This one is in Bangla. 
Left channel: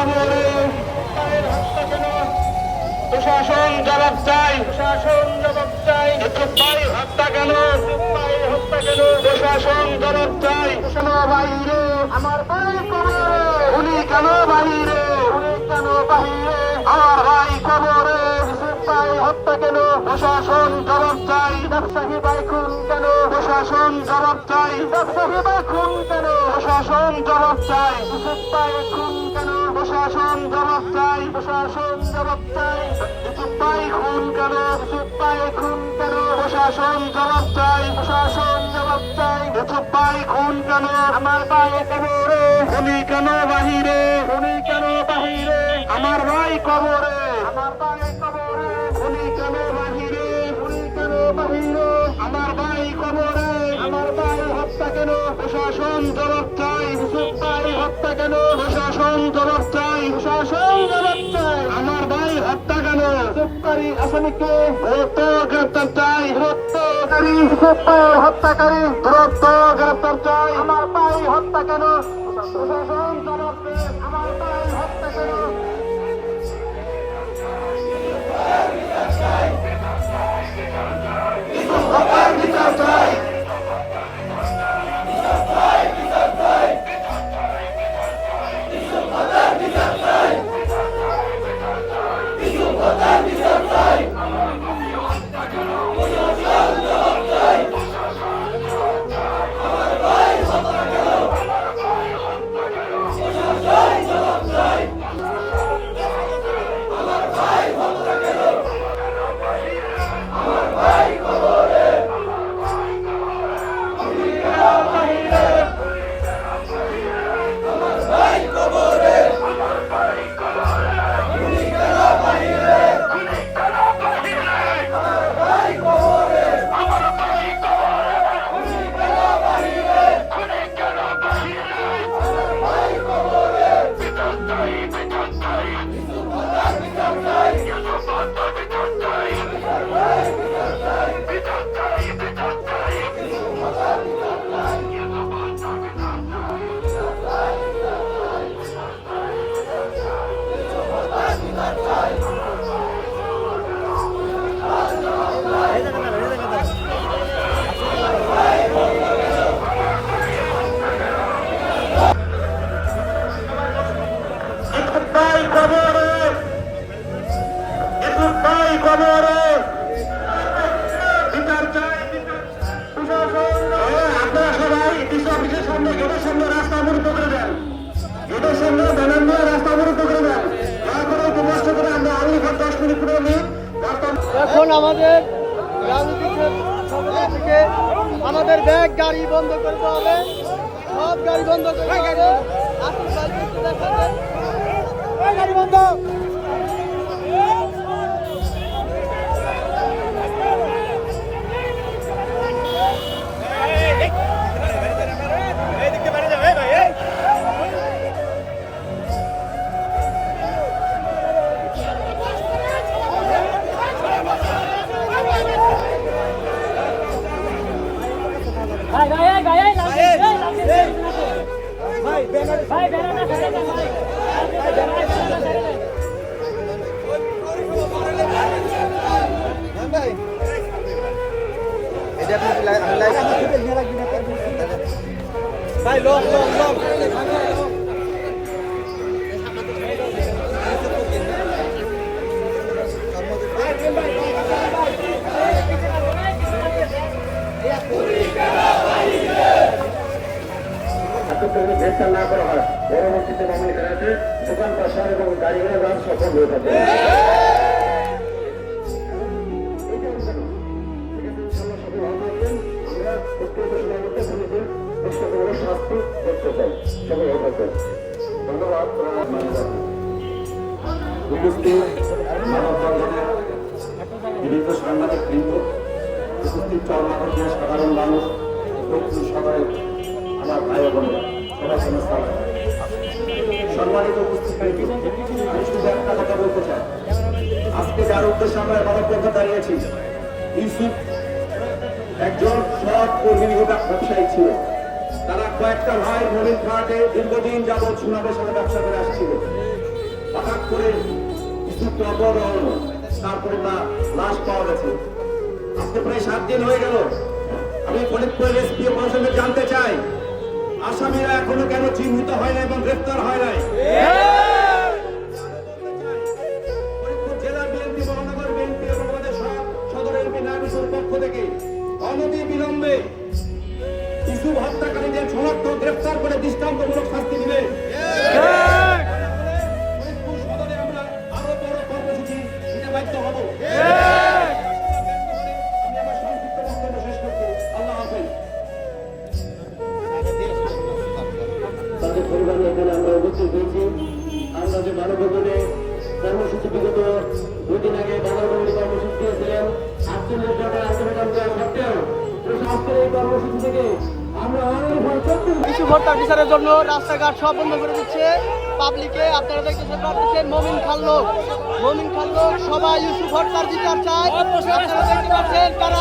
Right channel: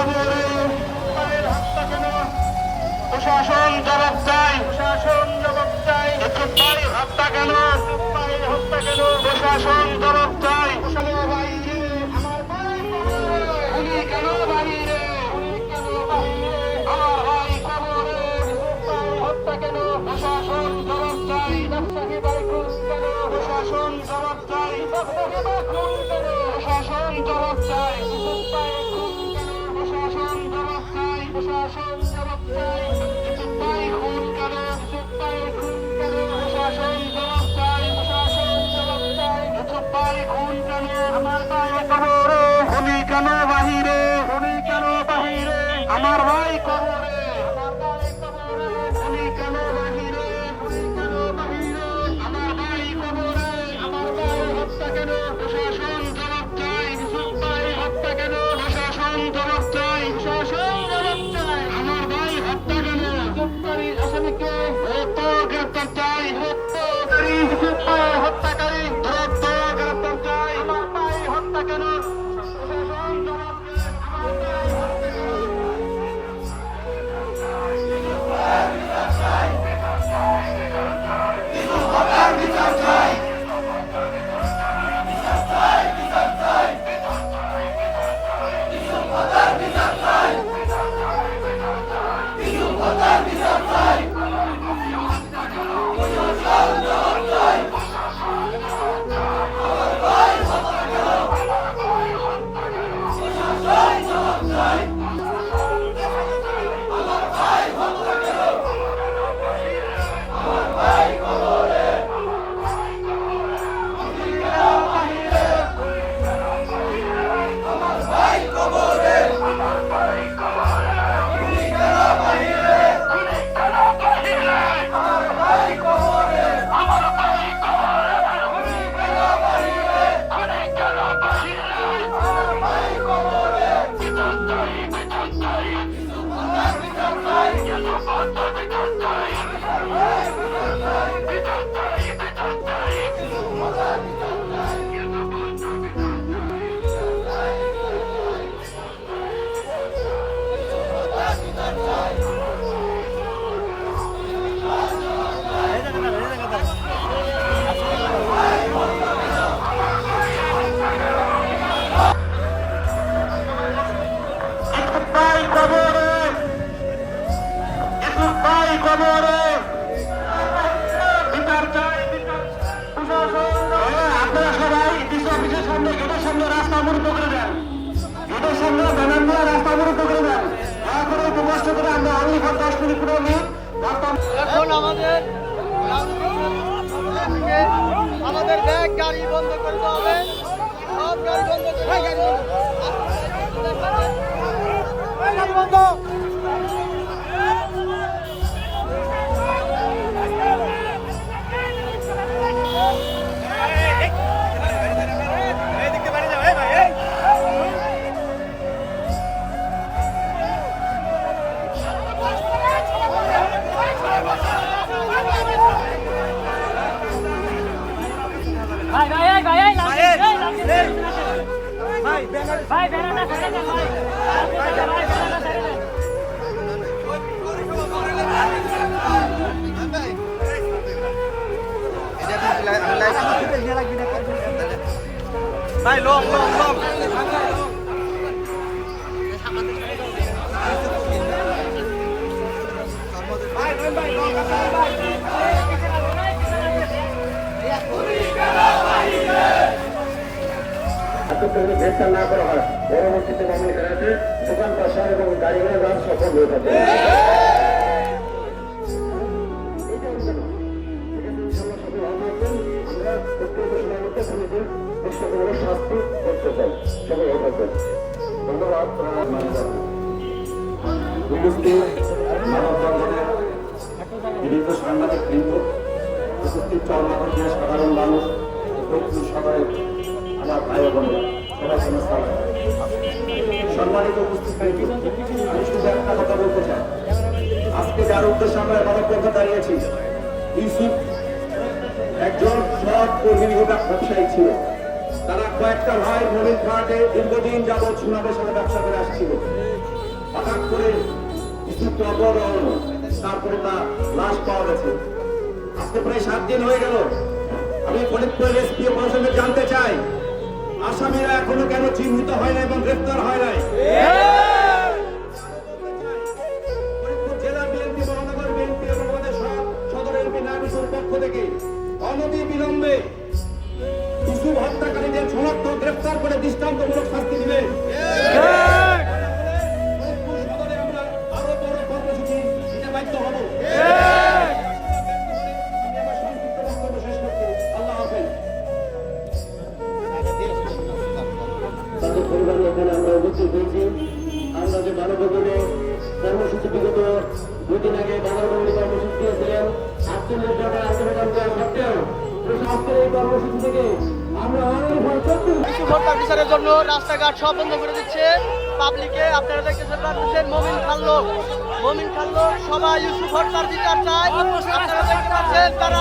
কবরে প্রশাসন জবাব চাই, প্রশাসন জবাব চাই। ইউসুফ ভাই হত্যা কেন, ইউসুফ ভাই হত্যা কেন, প্রশাসন জবাব চাই। বাহিরে আমার ভাই কবরে, উনি কেন বাহিরে, উনি কেন বাহিরে, আমার ভাই কবরে। ইউসুফ ভাই হত্যা কেন, প্রশাসন জবাব চাই। ব্যবসায়ী ভাই খুন কেন, প্রশাসন জবাব চাই। ব্যবসায়ী ভাই খুন কেন, প্রশাসন জবাব চাই। ইউসুফ ভাই খুন কেন, প্রশাসন জবাব চাই, প্রশাসন জবাব চাই। ইউসুফ ভাই খুন কেন, ইউসুফ ভাই খুন কেন, প্রশাসন জবাব চাই, প্রশাসন জবাব চাই। ইউসুফ ভাই খুন কেন, আমার ভাই কবরে, উনি কেন বাহিরে, উনি কেন বাহিরে, আমার ভাই কবরে, আমার ভাই কবরে, উনি কেন বাহিরে, উনি কেন বাহিরে, আমার ভাই কবরে, আমার ভাই হত্যা কেন, প্রশাসন জবাব চাই। ইউসুফ ভাই হত্যা কেন, প্রশাসন জবাব চাই, প্রশাসন জবাব চাই। আমার ভাই হত্যা কেন, ইউসুফকারী আসামিকে দ্রুত গ্রেপ্তার চাই, হত্যাকারী ইউসুফ ভাই হত্যাকারী দ্রুত গ্রেপ্তার চাই। আমার ভাই হত্যা কেন, প্রশাসন জবাব চাই, আমার ভাই হত্যা কেন। ভাই কবরে, ইউসুফ ভাই কবরে, বিচার চাই, বিচার। প্রশাসন আপনারা সবাই ডিসি অফিসের সামনে, গেটের সামনে রাস্তা অবরুদ্ধ করে দেন, গেটের সামনে ব্যানার নিয়ে রাস্তা অবরুদ্ধ করে দেন। দয়া করে একটু কষ্ট করে আমরা অনলি ফর 10 মিনিট করে নিই। এখন আমাদের ব্যাগ গাড়ি বন্ধ করতে হবে, সব গাড়ি বন্ধ করতে হবে। গাড়ি বন্ধ। ভাই লোক গ্রেফতার না করা হয়, পরবর্তীতে মামলা করাতে দোকান পাশার এবং গাড়ি ঘোড়া সফল হয়ে থাকে। আমরা প্রত্যেক সময় মধ্যে পুলিশের দৃশ্যগুলো শাস্তি করতে চাই, সবাই হয়ে থাকবেন। ধন্যবাদ। উপস্থিত মানববন্ধনের বিভিন্ন সাংবাদিক বৃন্দ, উপস্থিত চরমাপন্থী সাধারণ মানুষ, দক্ষিণ সাগরের আমার ভাই বোনেরা, সবাই নমস্কার। সম্মানিত উপস্থিতি, আমি শুধু একটা কথা বলতে চাই। আজকে যার উদ্দেশ্যে আমরা মানববন্ধন দাঁড়িয়েছি, ইউসুফ একজন সৎ কর্মী ব্যবসায়ী ছিল। তারা কয়েকটা ভাই মোবিল ঘাটে দীর্ঘদিন যাবৎ সুনামের সাথে ব্যবসা করে আসছিল। একটি অপহরণ, তারপরে তার লাশ পাওয়া গেছে। আজকে প্রায় 7 দিন হয়ে গেল। আমি ফরিদপুরের এসপি প্রশাসনকে জানতে চাই, আসামিরা এখনো কেন চিহ্নিত হয় না এবং গ্রেফতার হয় নাই? ফরিদপুর জেলা বিএনপি, মহানগর বিএনপি এবং আমাদের সদর এমপি নাবিসুর পক্ষ থেকে অনতি বিলম্বে ইউসুফ হত্যাকারীদের শনাক্ত, গ্রেফতার করে দৃষ্টান্তমূলক শাস্তি দিবে। ফরিদপুর সদরে আমরা আরো বড় কর্মসূচি দিতে বাধ্য হব। আমি আমার সংক্ষিপ্ত বক্তব্য শেষ করছি। আল্লাহ হাফেজ। তাদের পরিবারের এখানে আমরা উপস্থিত হয়েছি। আমরা যে মানববন্ধনে কর্মসূচি বিগত 2 দিন আগে বাজারবন্দি কর্মসূচি দিয়েছিলেন, 48 ঘন্টার আন্দোলন দেওয়া সত্ত্বেও প্রশাসনের এই কর্মসূচি থেকে আমরা অনেক ভয় করছি। ইস্যু ভোটটা বিচারের জন্য রাস্তাঘাট সব বন্ধ করে দিচ্ছে পাবলিকে। আপনারা দেখতেছেন মোমিন খাল্লো সবাই ইস্যু ভোটটার বিচার চায়। আপনারা দেখতে পাচ্ছেন তারা